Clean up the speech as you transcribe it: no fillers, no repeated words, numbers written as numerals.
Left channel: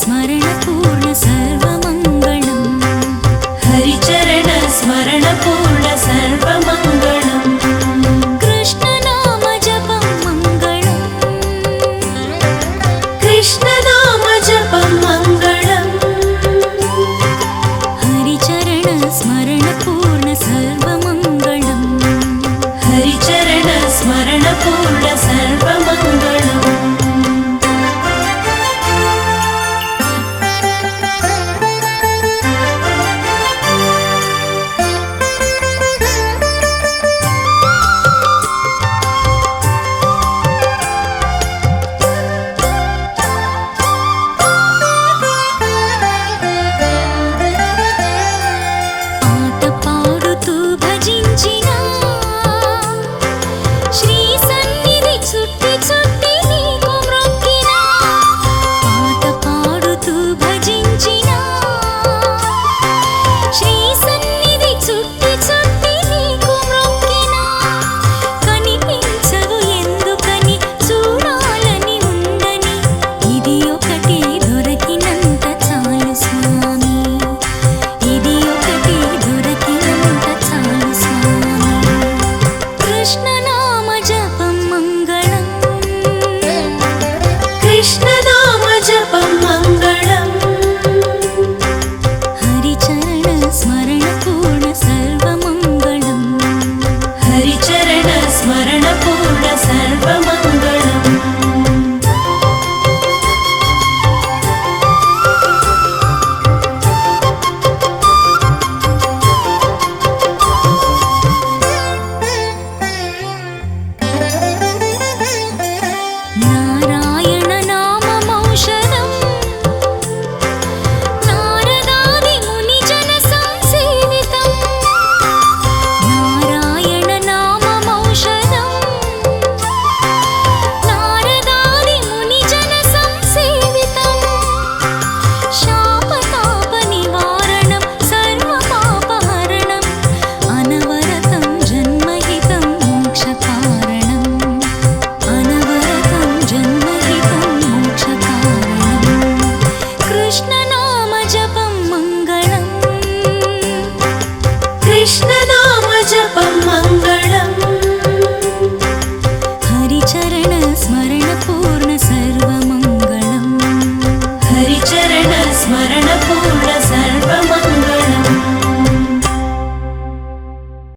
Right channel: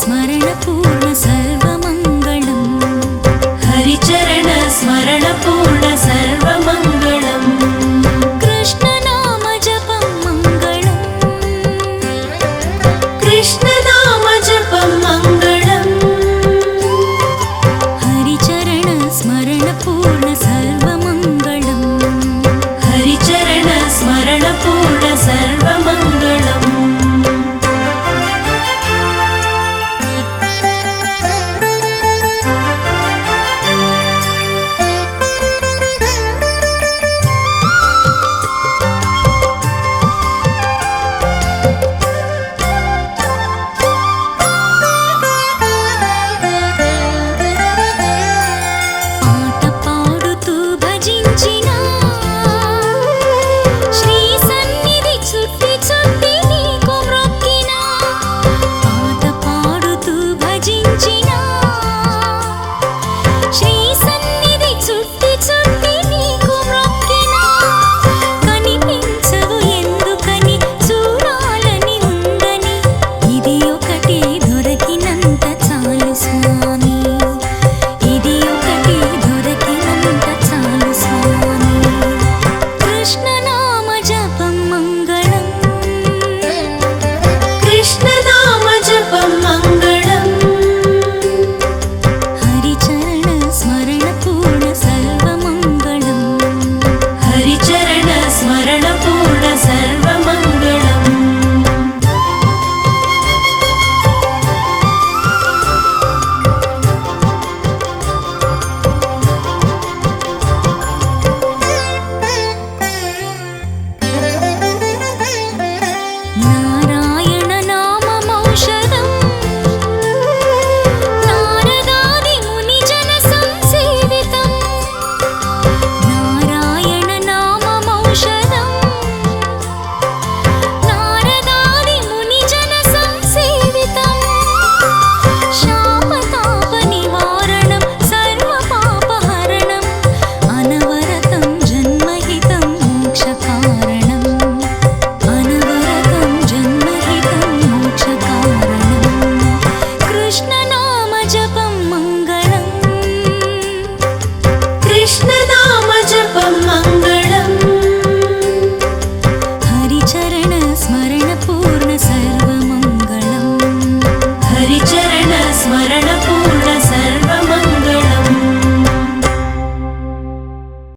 स्मरणपूर्ण सर्वमङ्गलम् हरिचरण स्मरणपूर्ण सर्वमङ्गलम् कृष्णनाम जपं मङ्गलम् कृष्णनाम जपं मङ्गलम् हरिचरण स्मरणपूर्ण सर्वमङ्गलम् हरिचरण स्मरणपूर्ण सर्वमङ्गलम् పాట పాడుతూ భజించిన శ్రీ సన్నిధి చుట్టి చుట్టి నీకు మ్రొక్కిన పాట పాడుతూ భజించిన శ్రీ సన్నిధి చుట్టి చుట్టి నీకు మ్రొక్కిన కనిపించవు ఎందుకని చూడాలని ఉందని ఇది ఒకటి దొరికినంత చాలు స్వామి ఇది ఒకటి దొరికినంత చాలు స్వామి కృష్ణనామ జపం మంగళం कृष्णनाम जपं मङ्गलम् హరిచరణ స్మరణ పూర్ణ సర్వమంగళం हरिचरण स्मरणपूर्ण सर्वमङ्गलम् నారాయణ నామమౌషధం నారదాది ముని జన సంసేవితం నారాయణ నామమౌషధం నారదాది ముని జన సంసేవితం శాపతాప నివారణం సర్వపాపహరణం అనవరతం జన్మహితం మోక్షకారణం అనవరతం జన్మహితం మోక్షకారణం కృష్ణనామ జపం మంగళం कृष्णनाम जपं मङ्गलम् హరిచరణ స్మరణ పూర్ణ సర్వమంగళం